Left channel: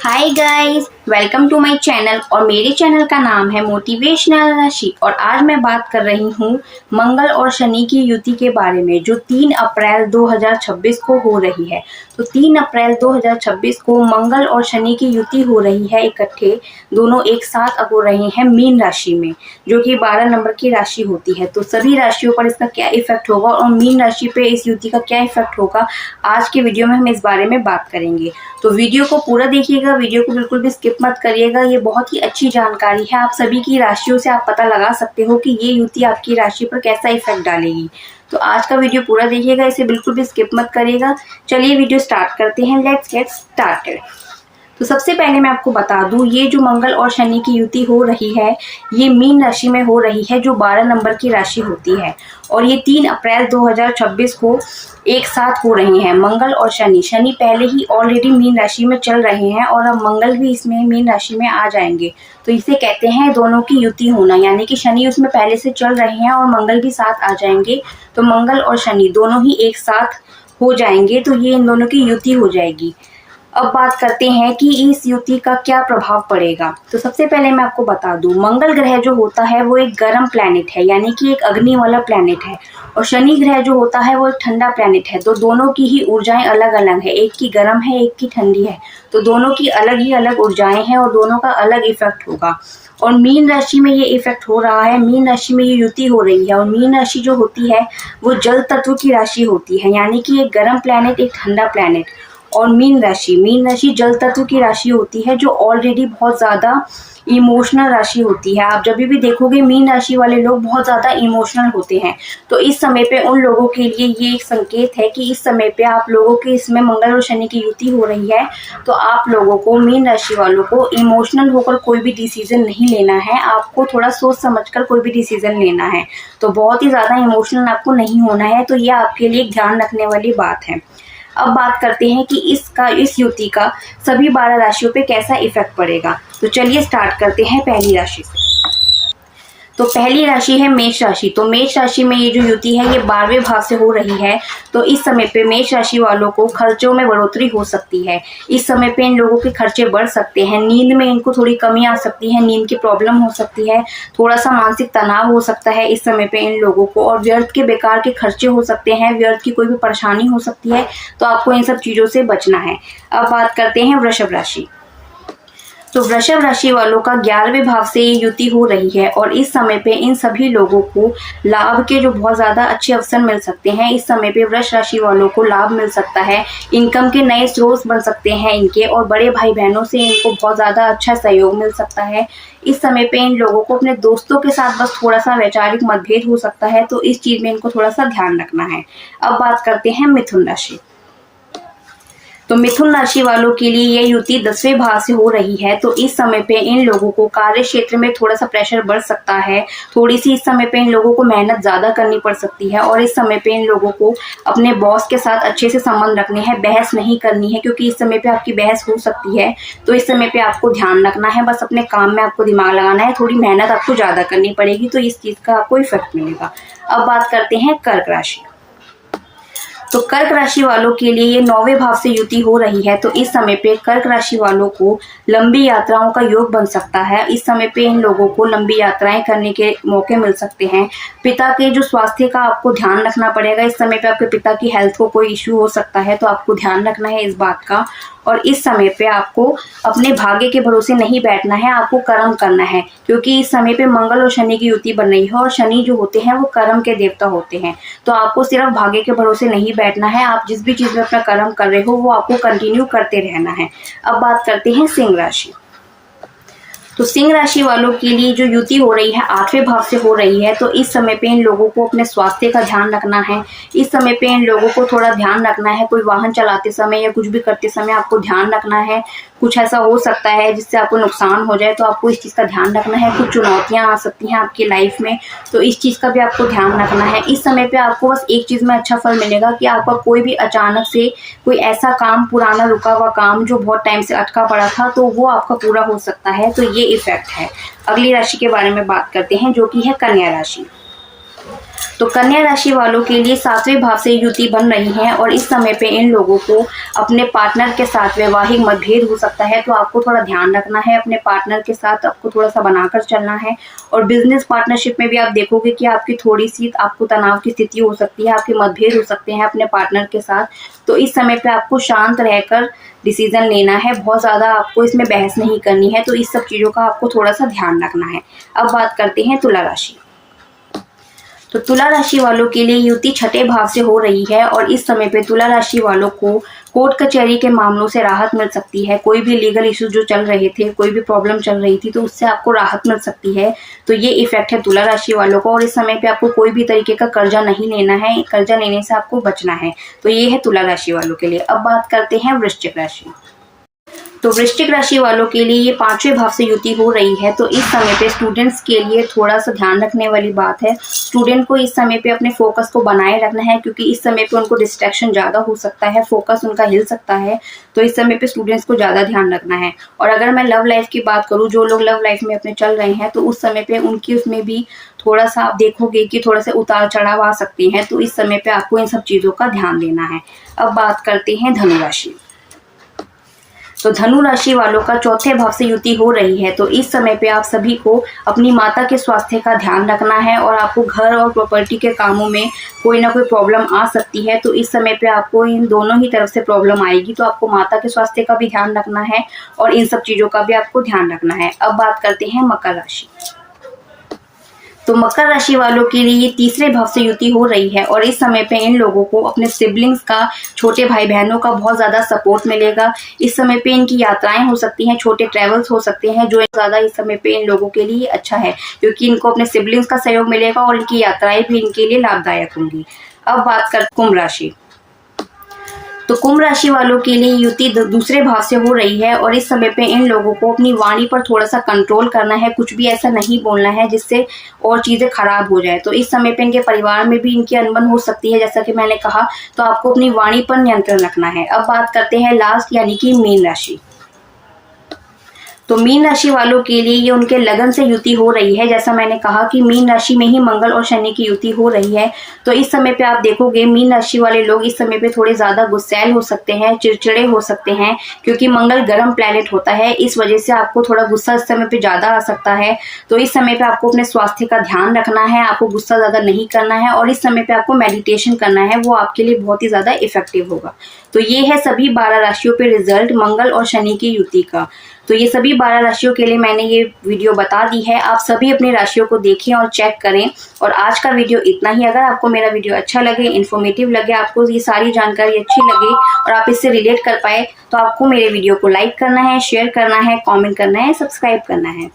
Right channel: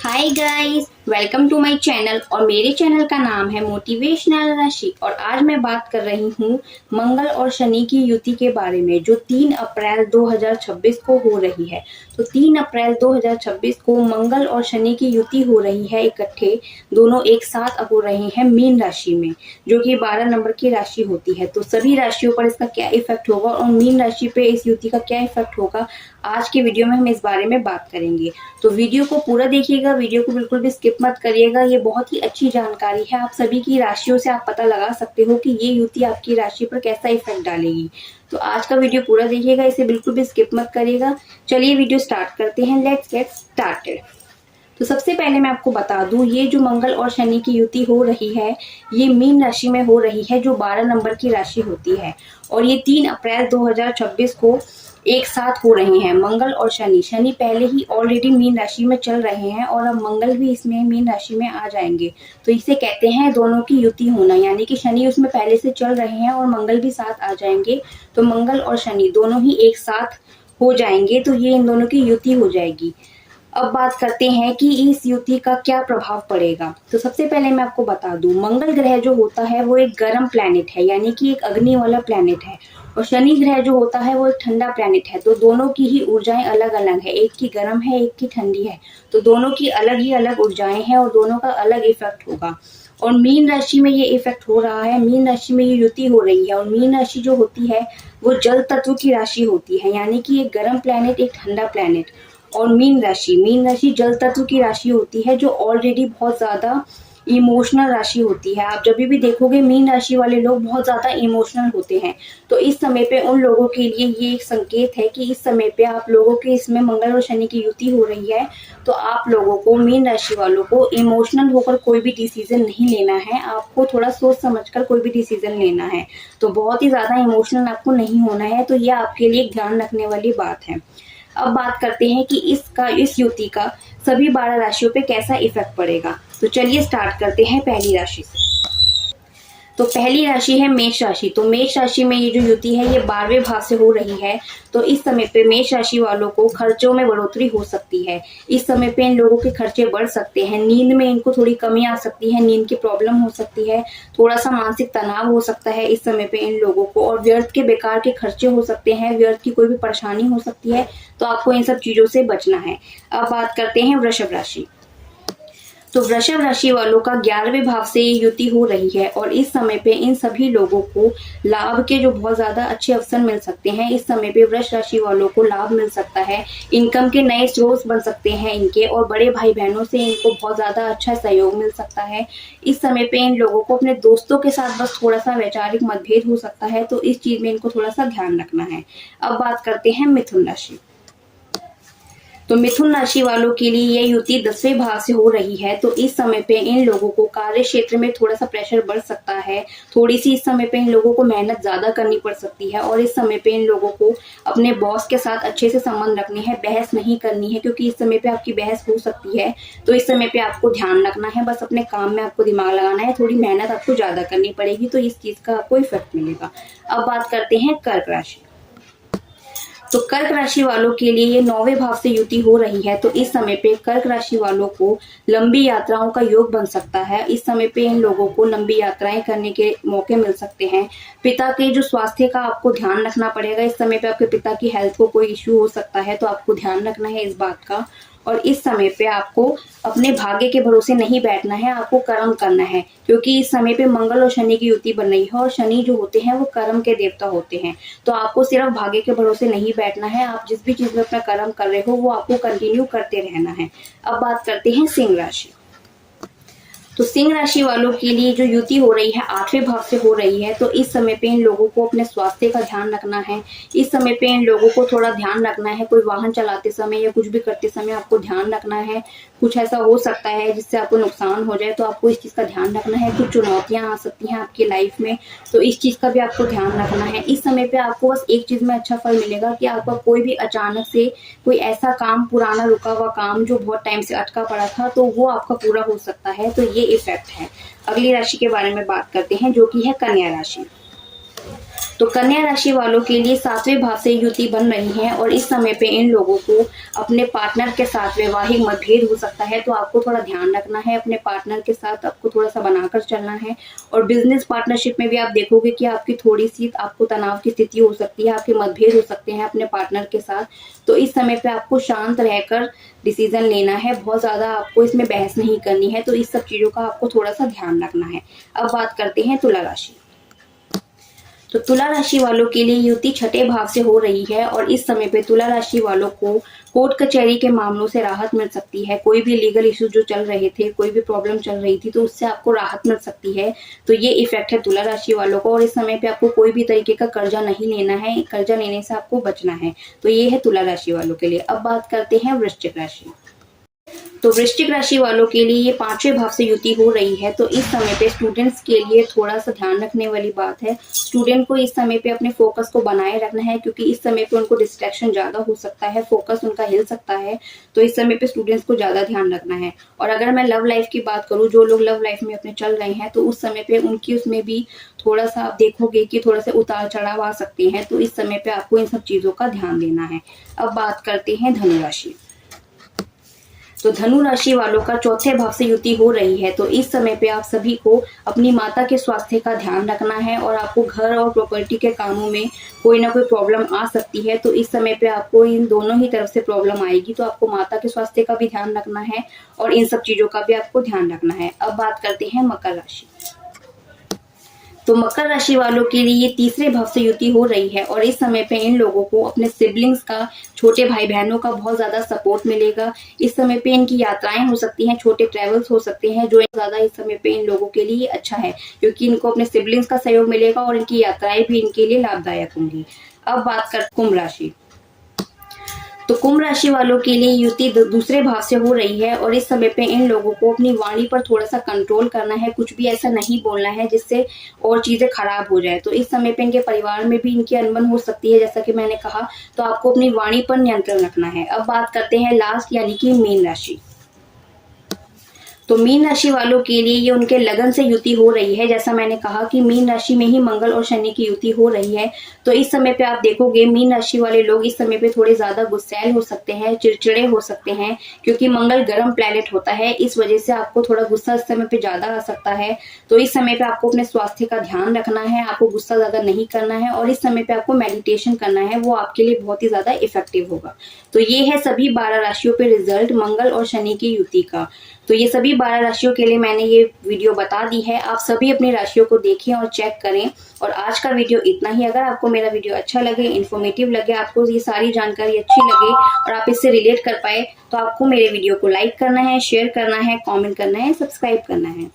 Hi guys, welcome to my channel. और मेरे channel का नाम है मोटिवेशनल राशि। और आज मैं बात कर रही हूँ मंगल और शनि की युति के बारे में, जो 3 अप्रैल 2026 को हो रही है। तो 3 अप्रैल 2026 को मंगल और शनि की युति हो रही है इकट्ठे, दोनों एक साथ हो रहे हैं मीन राशि में, जो कि 12 नंबर की राशि होती है। तो सभी राशियों पर इसका क्या इफेक्ट होगा और मीन राशि पे इस युति का क्या इफेक्ट होगा, आज के वीडियो में हम इस बारे में बात करेंगे। तो वीडियो को पूरा देखिएगा, वीडियो को बिल्कुल भी स्किप मत करिएगा। ये बहुत ही अच्छी जानकारी है, आप सभी की राशियों से आप पता लगा सकते हो कि ये युति आपकी राशि पर कैसा इफेक्ट डालेगी। तो आज का वीडियो पूरा देखिएगा, इसे बिल्कुल भी स्किप मत करिएगा। चलिए वीडियो स्टार्ट करते हैं, लेट्स गेट स्टार्टेड। तो सबसे पहले मैं आपको बता दूं, ये जो मंगल और शनि की युति हो रही है, ये मीन राशि में हो रही है, जो 12 नंबर की राशि होती है। और ये 3 अप्रैल 2026 को एक साथ हो रही हैं मंगल और शनि। शनि पहले ही ऑलरेडी मीन राशि में चल रहे हैं और अब मंगल भी इसमें मीन राशि में आ जाएंगे। तो इसे कहते हैं दोनों की युति होना, यानी कि शनि उसमें पहले से चल रहे हैं और मंगल भी साथ आ जाएंगे। तो मंगल और शनि दोनों ही एक साथ हो जाएंगे, तो ये इन दोनों की युति हो जाएगी। अब बात करते हैं कि इस युति का क्या प्रभाव पड़ेगा। तो सबसे पहले मैं आपको बता दूं, मंगल ग्रह जो होता है वो एक गर्म प्लैनेट है, यानी कि एक अग्नि वाला प्लैनेट है। और शनि ग्रह जो होता है वो एक ठंडा प्लैनेट है। तो दोनों की ही ऊर्जाएं अलग अलग है, एक की गर्म है, एक की ठंडी है। तो दोनों की अलग ही अलग ऊर्जाएं हैं और दोनों का अलग इफेक्ट होगा। और मीन राशि में ये इफेक्ट हो रहा है, मीन राशि में ये युति हो रही है। और मीन राशि जो होती है वो जल तत्व की राशि होती है, यानी कि एक गर्म प्लैनेट, एक ठंडा प्लैनेट। और मीन राशि जल तत्व की राशि होती है, जो ऑलरेडी बहुत ज्यादा इमोशनल राशि होती है। आप जब भी देखोगे मीन राशि वाले लोग बहुत ज्यादा इमोशनल होते हैं। तो इस समय पे उन लोगों के लिए ये एक संकेत है कि इस समय पे आप लोगों के इसमें मंगल और शनि की युति हो रही है। तो आप लोगों को, मीन राशि वालों को, इमोशनल होकर कोई भी डिसीजन नहीं लेना है। आपको थोड़ा सोच समझकर कोई भी डिसीजन लेना है। तो बहुत ही ज्यादा इमोशनल आपको नहीं होना है। तो ये आपके लिए ध्यान रखने वाली बात है। अब बात करते हैं कि इस युति का सभी 12 राशियों पे कैसा इफेक्ट पड़ेगा। तो चलिए स्टार्ट करते हैं पहली राशि से। तो पहली राशि है मेष राशि। तो मेष राशि में ये जो युति है ये 12वें भाव से हो रही है। तो इस समय पे मेष राशि वालों को खर्चों में बढ़ोतरी हो सकती है। इस समय पे इन लोगों के खर्चे बढ़ सकते हैं, नींद में इनको थोड़ी कमी आ सकती है, नींद की प्रॉब्लम हो सकती है, थोड़ा सा मानसिक तनाव हो सकता है इस समय पे इन लोगों को। और व्यर्थ के बेकार के खर्चे हो सकते हैं, व्यर्थ की कोई भी परेशानी हो सकती है। तो आपको इन सब चीजों से बचना है। अब बात करते हैं वृषभ राशि। तो वृषभ राशि वालों का 11वें भाव से ये युति हो रही है। और इस समय पे इन सभी लोगों को लाभ के जो बहुत ज्यादा अच्छे अवसर मिल सकते हैं। इस समय पे वृषभ राशि वालों को लाभ मिल सकता है, इनकम के नए स्रोत बन सकते हैं इनके, और बड़े भाई बहनों से इनको बहुत ज्यादा अच्छा सहयोग मिल सकता है। इस समय पे इन लोगों को अपने दोस्तों के साथ बस थोड़ा सा वैचारिक मतभेद हो सकता है। तो इस चीज में इनको थोड़ा सा ध्यान रखना है। अब बात करते हैं मिथुन राशि। तो मिथुन राशि वालों के लिए ये युति 10वें भाव से हो रही है। तो इस समय पे इन लोगों को कार्य क्षेत्र में थोड़ा सा प्रेशर बढ़ सकता है, थोड़ी सी इस समय पे इन लोगों को मेहनत ज्यादा करनी पड़ सकती है। और इस समय पे इन लोगों को अपने बॉस के साथ अच्छे से संबंध रखने हैं, बहस नहीं करनी है, क्योंकि इस समय पे आपकी बहस हो सकती है। तो इस समय पे आपको ध्यान रखना है, बस अपने काम में आपको दिमाग लगाना है, थोड़ी मेहनत आपको ज्यादा करनी पड़ेगी। तो इस चीज का आपको इफेक्ट मिलेगा। अब बात करते हैं कर्क राशि। तो कर्क राशि वालों के लिए ये 9वें भाव से युति हो रही है। तो इस समय पे कर्क राशि वालों को लंबी यात्राओं का योग बन सकता है। इस समय पे इन लोगों को लंबी यात्राएं करने के मौके मिल सकते हैं। पिता के जो स्वास्थ्य का आपको ध्यान रखना पड़ेगा। इस समय पे आपके पिता की हेल्थ को कोई इश्यू हो सकता है, तो आपको ध्यान रखना है इस बात का। और इस समय पे आपको अपने भाग्य के भरोसे नहीं बैठना है, आपको कर्म करना है, क्योंकि इस समय पे मंगल और शनि की युति बन रही है। और शनि जो होते हैं वो कर्म के देवता होते हैं। तो आपको सिर्फ भाग्य के भरोसे नहीं बैठना है, आप जिस भी चीज में अपना कर्म कर रहे हो वो आपको कंटिन्यू करते रहना है। अब बात करते हैं सिंह राशि। तो सिंह राशि वालों के लिए जो युति हो रही है 8वें भाव से हो रही है। तो इस समय पे इन लोगों को अपने स्वास्थ्य का ध्यान रखना है। इस समय पे इन लोगों को थोड़ा ध्यान रखना है, कोई वाहन चलाते समय या कुछ भी करते समय आपको ध्यान रखना है। कुछ ऐसा हो सकता है जिससे आपको नुकसान हो जाए, तो आपको इस चीज का ध्यान रखना है। कुछ चुनौतियां आ सकती हैं आपकी लाइफ में, तो इस चीज का भी आपको ध्यान रखना है। इस समय पे आपको बस एक चीज में अच्छा फल मिलेगा कि आपका कोई भी अचानक से कोई ऐसा काम, पुराना रुका हुआ काम जो बहुत टाइम से अटका पड़ा था, तो वो आपका पूरा हो सकता है। तो ये इफेक्ट है। अगली राशि के बारे में बात करते हैं, जो कि है कन्या राशि। तो कन्या राशि वालों के लिए 7वें भाव से युति बन रही है और इस समय पे इन लोगों को अपने पार्टनर के साथ वैवाहिक मतभेद हो सकता है, तो आपको थोड़ा ध्यान रखना है। अपने पार्टनर के साथ आपको थोड़ा सा बनाकर चलना है। और बिजनेस पार्टनरशिप में भी आप देखोगे कि आपकी थोड़ी सी आपको तनाव की स्थिति हो सकती है, आपके मतभेद हो सकते हैं अपने पार्टनर के साथ। तो इस समय पे आपको शांत रहकर डिसीजन लेना है, बहुत ज़्यादा आपको इसमें बहस नहीं करनी है। तो इस सब चीज़ों का आपको थोड़ा सा ध्यान रखना है। अब बात करते हैं तुला राशि। तो तुला राशि वालों के लिए युति 6ठे भाव से हो रही है और इस समय पे तुला राशि वालों को कोर्ट कचहरी के मामलों से राहत मिल सकती है। कोई भी लीगल इशू जो चल रहे थे, कोई भी प्रॉब्लम चल रही थी, तो उससे आपको राहत मिल सकती है। तो ये इफेक्ट है तुला राशि वालों को। और इस समय पे आपको कोई भी तरीके का कर्जा नहीं लेना है, कर्जा लेने से आपको बचना है। तो ये है तुला राशि वालों के लिए। अब बात करते हैं वृश्चिक राशि। तो वृश्चिक राशि वालों के लिए ये 5वें भाव से युति हो रही है। तो इस समय पे स्टूडेंट्स के लिए थोड़ा सा ध्यान रखने वाली बात है। स्टूडेंट को इस समय पे अपने फोकस को बनाए रखना है, क्योंकि इस समय पे उनको डिस्ट्रैक्शन ज़्यादा हो सकता है, फोकस उनका हिल सकता है। तो इस समय पे स्टूडेंट्स को ज़्यादा ध्यान रखना है। और अगर मैं लव लाइफ की बात करूँ, जो लोग लव लाइफ में अपने चल रहे हैं, तो उस समय पे उनकी उसमें भी थोड़ा सा आप देखोगे कि थोड़ा सा उतार चढ़ाव आ सकते हैं। तो इस समय पे आपको इन सब चीज़ों का ध्यान देना है। अब बात करते हैं धनु राशि। तो धनु राशि वालों का 4थे भाव से युति हो रही है। तो इस समय पे आप सभी को अपनी माता के स्वास्थ्य का ध्यान रखना है और आपको घर और प्रॉपर्टी के कामों में कोई ना कोई प्रॉब्लम आ सकती है। तो इस समय पे आपको इन दोनों ही तरफ से प्रॉब्लम आएगी। तो आपको माता के स्वास्थ्य का भी ध्यान रखना है और इन सब चीज़ों का भी आपको ध्यान रखना है। अब बात करते हैं मकर राशि। तो मकर राशि वालों के लिए ये 3रे भाव से युति हो रही है और इस समय पे इन लोगों को अपने सिबलिंग्स का, छोटे भाई बहनों का बहुत ज़्यादा सपोर्ट मिलेगा। इस समय पे इनकी यात्राएं हो सकती हैं, छोटे ट्रैवल्स हो सकते हैं, जो ज़्यादा इस समय पे इन लोगों के लिए अच्छा है, क्योंकि इनको अपने सिबलिंग्स का सहयोग मिलेगा और इनकी यात्राएं भी इनके लिए लाभदायक होंगी। अब बात कर कुंभ राशि। तो कुंभ राशि वालों के लिए युति 2रे भाव से हो रही है और इस समय पे इन लोगों को अपनी वाणी पर थोड़ा सा कंट्रोल करना है, कुछ भी ऐसा नहीं बोलना है जिससे और चीज़ें खराब हो जाए। तो इस समय पे इनके परिवार में भी इनकी अनबन हो सकती है, जैसा कि मैंने कहा। तो आपको अपनी वाणी पर नियंत्रण रखना है। अब बात करते हैं लास्ट, यानी कि मीन राशि। तो मीन राशि वालों के लिए ये उनके लगन से युति हो रही है। जैसा मैंने कहा कि मीन राशि में ही मंगल और शनि की युति हो रही है। तो इस समय पे आप देखोगे मीन राशि वाले लोग इस समय पे थोड़े ज़्यादा गुस्सैल हो सकते हैं, चिड़चिड़े हो सकते हैं, क्योंकि मंगल गर्म प्लैनेट होता है। इस वजह से आपको थोड़ा गुस्सा इस समय पे ज़्यादा आ सकता है। तो इस समय पे आपको अपने स्वास्थ्य का ध्यान रखना है, आपको गुस्सा ज़्यादा नहीं करना है और इस समय पे आपको मेडिटेशन करना है, वो आपके लिए बहुत ही ज़्यादा इफेक्टिव होगा। तो ये है सभी 12 राशियों पे रिजल्ट मंगल और शनि की युति का। तो ये सभी 12 राशियों के लिए मैंने ये वीडियो बता दी है। आप सभी अपनी राशियों को देखें और चेक करें। और आज का वीडियो इतना ही। अगर आपको मेरा वीडियो अच्छा लगे, इन्फॉर्मेटिव लगे, आपको ये सारी जानकारी अच्छी लगे और आप इससे रिलेट कर पाए, तो आपको मेरे वीडियो को लाइक करना है, शेयर करना है, कमेंट करना है, सब्सक्राइब करना है।